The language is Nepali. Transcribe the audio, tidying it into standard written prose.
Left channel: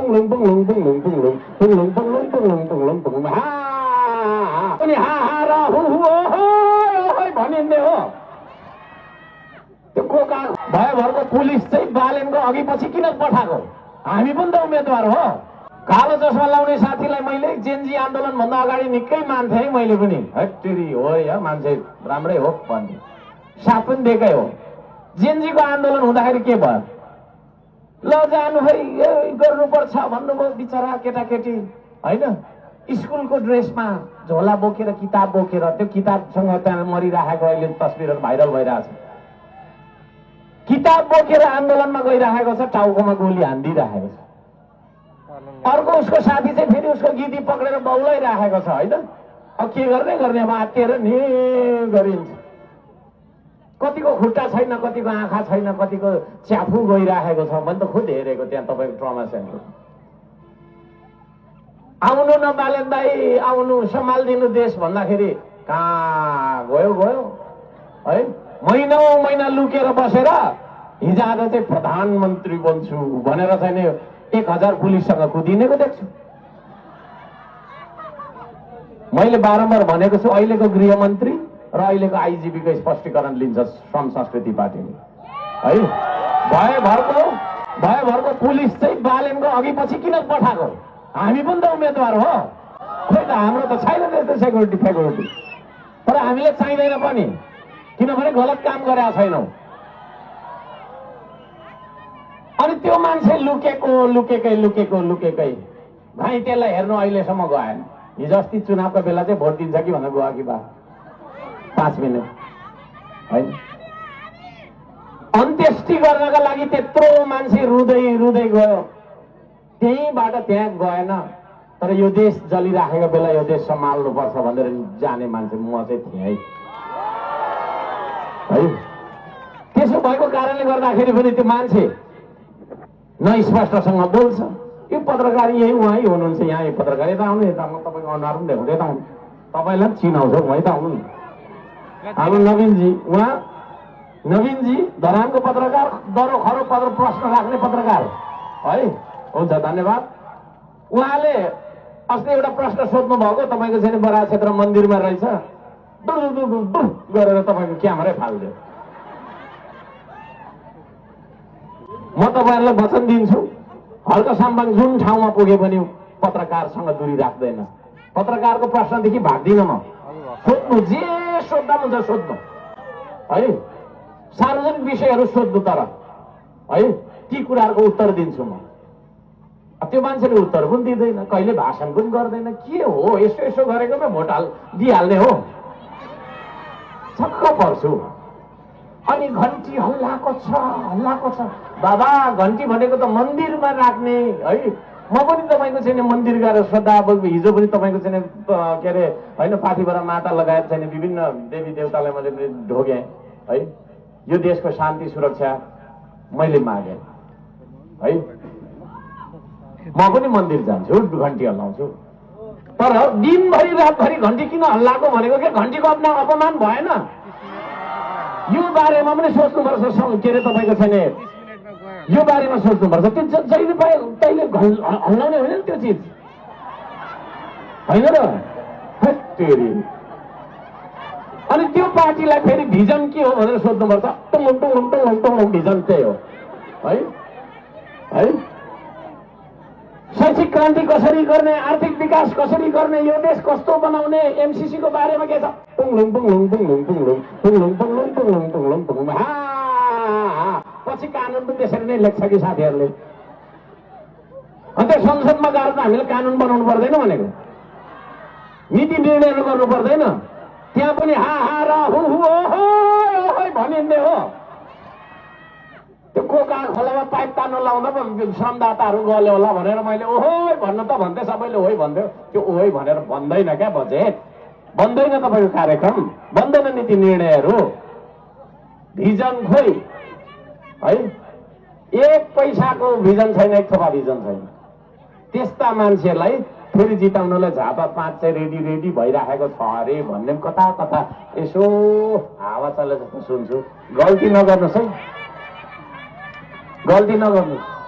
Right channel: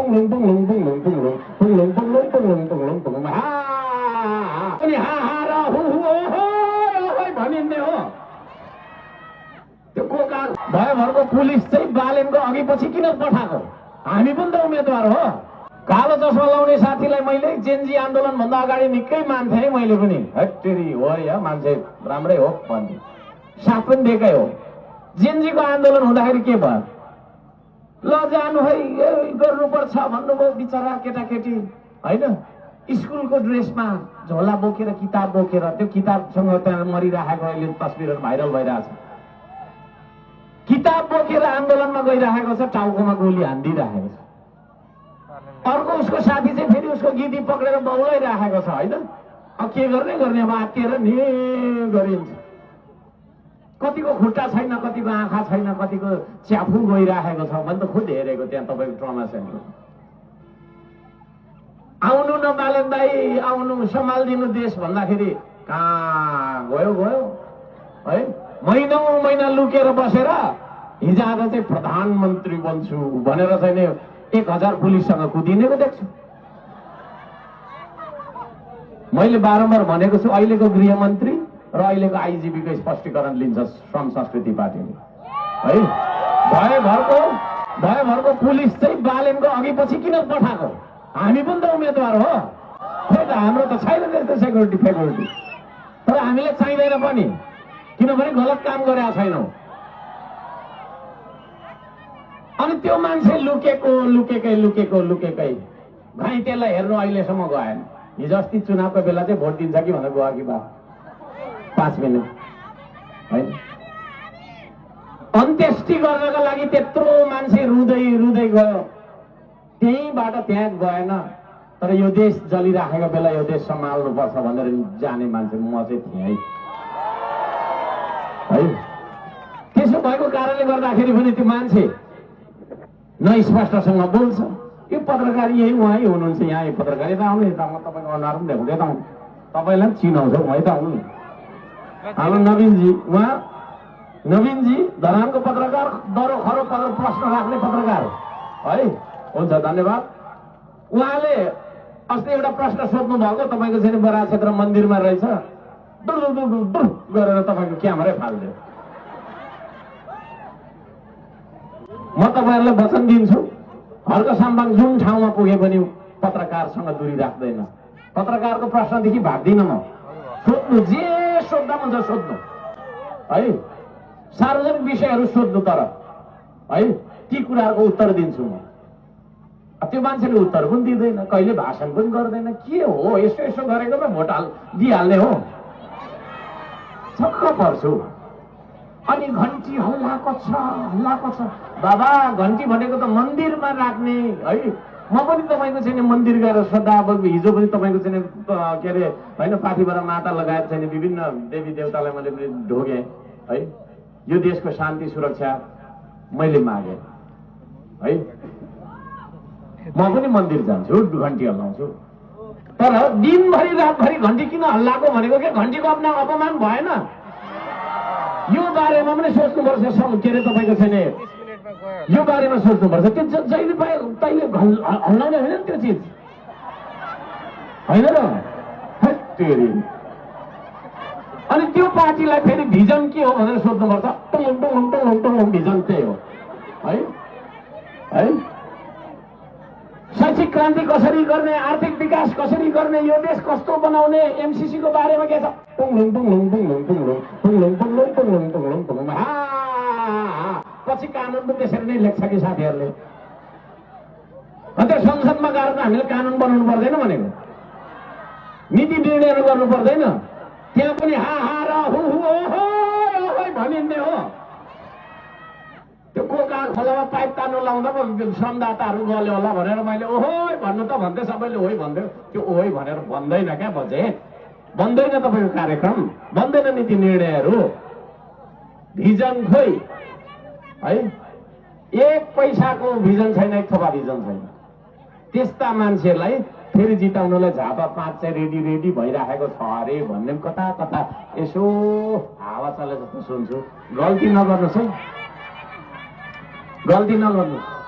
पुङलुङ पुङलुङ पुङलुङ पुङलुङ पुङलुङ पुङलुङ पुङलुङ पुङलुङ पुङलुङ हा अनि हा हा र हु हु ओहोय भनिन्ने हो। त्यो कोका भयभरको पुलिस चाहिँ बालेनको अघि पछि किन पठाएको? हामी पनि त उम्मेदवार हो। कालो चस्मा लाउने साथीलाई मैले जेनजी आन्दोलन भन्दा अगाडि निकै मान्थे है मैले पनि। हट्टेरी हो या मान्छे राम्रै हो भन्थे, साथ पनि दिएकै हो। जेनजीको आन्दोलन हुँदाखेरि के भयो? ल जानु है गर्नुपर्छ भन्नुभयो बिचरा केटाकेटी होइन। स्कुलको ड्रेसमा झोला बोकेर किताब बोकेर त्यो किताबसँग त्यहाँ मरिराखेको अहिले तस्बिरहरू भाइरल भइरहेछ। किताब बोकेर आन्दोलनमा गइरहेको छ, टाउकोमा गोली हानिदिइराखेको छ। अर्को उसको साथी चाहिँ फेरि उसको गिदी पक्रेर बौलाइराखेको छ होइन। अब के गर्ने अब आत्तिएर नि गरिन्छ। कतिको खुट्टा छैन, कतिको आँखा छैन, कतिको च्याफु गइराखेको छ। मैले त खुद हेरेको त्यहाँ तपाईँको ट्रमा सेन्टर। आउनु न बालन दाई आउनु सम्हालिदिनु देश भन्दाखेरि कहाँ गयो है। महिनौं महिना लुकेर बसेर हिजो आज चाहिँ प्रधानमन्त्री बन्छु भनेर चाहिँ 1000 पुलिससँग कुदिनेको देख्छु। मैले बारम्बार भनेको छु अहिलेको गृहमन्त्री र अहिलेको आइजिपीको स्पष्टीकरण लिन्छ श्रम संस्कृति पार्टीले है। भयभरको पुलिस चाहिँ बालेनको अघि पछि किन पठाएको? हामी पनि त उम्मेदवार हो। खोइ त हाम्रो त छैन त्यस्तो सेक्युरिटी, तर हामीले चाहिँदैन पनि, किनभने गलत काम गरेका छैनौँ। अनि त्यो मान्छे लुकेकै भाइ त्यसलाई हेर्नु अहिलेसम्म गएन। हिजो अस्ति चुनावको बेला चाहिँ भोट दिन्छ कि भनेर गयो कि बा 5 मिनट होइन। अन्त्येष्टि गर्नका लागि त्यत्रो मान्छे रुँदै गयो, त्यहीँबाट त्यहाँ गएन। तर यो देश जलिराखेको बेला यो देश सम्हाल्नुपर्छ भनेर जाने मान्छे म चाहिँ थिएँ है। त्यसो भएको कारणले गर्दाखेरि पनि त्यो मान्छे न स्पष्टसँग बोल्छ। यो पत्रकार यही उहाँ हुनुहुन्छ, यहाँ यो पत्रकार यता आउनु, यता म तपाईँको अनुहार पनि देखाउँदै यता आउनु, तपाईँलाई पनि चिनाउँछ म यता आउनु। हाम्रो नवीनजी धरानको पत्रकार, दरो खरो प्रश्न राख्ने पत्रकार है। हुन्छ धन्यवाद। उहाँले अस्ति एउटा प्रश्न सोध्नु भएको, तपाईँको चाहिँ बराह क्षेत्र मन्दिरमा रहेछ, दुर गरेर तपाईँको क्यामेरै फाल्दियो। म तपाईँहरूलाई वचन दिन्छु, हल्का साम्बाङ जुन ठाउँमा पुगे पनि पत्रकारसँग दूरी राख्दैन। पत्रकारको प्रश्नदेखि भाग्दिनँ म। सोध्नु, जे सोध्दा हुन्छ सोध्नु है। सार्वजनिक विषयहरू सोध्नु, तर है ती कुराहरूको उत्तर दिन्छु म। त्यो मान्छेले उत्तर पनि दिँदैन, कहिले भाषण पनि गर्दैन। के हो यसो गरेकोमा भोट दिइहाल्ने हो? छक्क पर्छु। अनि घन्टी हल्लाको छ बाबा। घन्टी भनेको त मन्दिरमा राख्ने है। म पनि तपाईँको चाहिँ मन्दिर गएर श्रद्धा, हिजो पनि तपाईँको चाहिँ के अरे होइन पाठीबाट माता लगायत चाहिँ विभिन्न देवी देवतालाई मैले ढोगेँ है। यो देशको शान्ति सुरक्षा मैले मागेँ है। म पनि मन्दिर जान्छु, घन्टी हल्लाउँछु। तर दिनभरि रातभरि घन्टी किन हल्लाएको भनेको के घन्टीको अपमान भएन? यो बारेमा पनि सोच्नुपर्छ। के अरे तपाईँको छैन यो बारेमा सोच्नुपर्छ। त्यो जहिले पाए तैले हल्लाउने होइन त्यो चिज होइन र। अनि त्यो पार्टीलाई फेरि भिजन के हो भनेर सोध्नुपर्छ। टुङ भिजन त्यही हो है। शैक्षिक क्रान्ति कसरी गर्ने, आर्थिक विकास कसरी गर्ने, यो देश कस्तो बनाउने, एमसीसी को बारेमा के छ? पछि कानुन पनि त्यसरी नै लेख्छ कि साथीहरूले। अनि त्यो संसदमा गएर त हामीले कानुन बनाउनु पर्दैन भनेको, नीति निर्णयहरू गर्नु पर्दैन। त्यहाँ पनि हा हा र हु हु ओहोय भनिन्ने हो। त्यो कोका खोलामा पाइप तान्नु लाउँदा पो श्रमदाताहरू गल्यो होला भनेर मैले ओहोय भन्नु त भन्थे, सबैले ओइ भन्थ्यो। त्यो ओइ भनेर भन्दैन क्या, बजेट बन्दैन, तपाईँको कार्यक्रम बन्दैन, नीति निर्णयहरू। भिजन खोइ है, 1 पैसाको भिजन छैन, 1 थोपा भिजन छैन। त्यस्ता मान्छेलाई फेरि जिताउनलाई झापा 5 चाहिँ रेडी भइराखेको छ अरे भन्ने कता यसो हावा चले जस्तो सुन्छु। गल्ती नगर्नुहोस् है, गल्ती नगर्नुहोस्।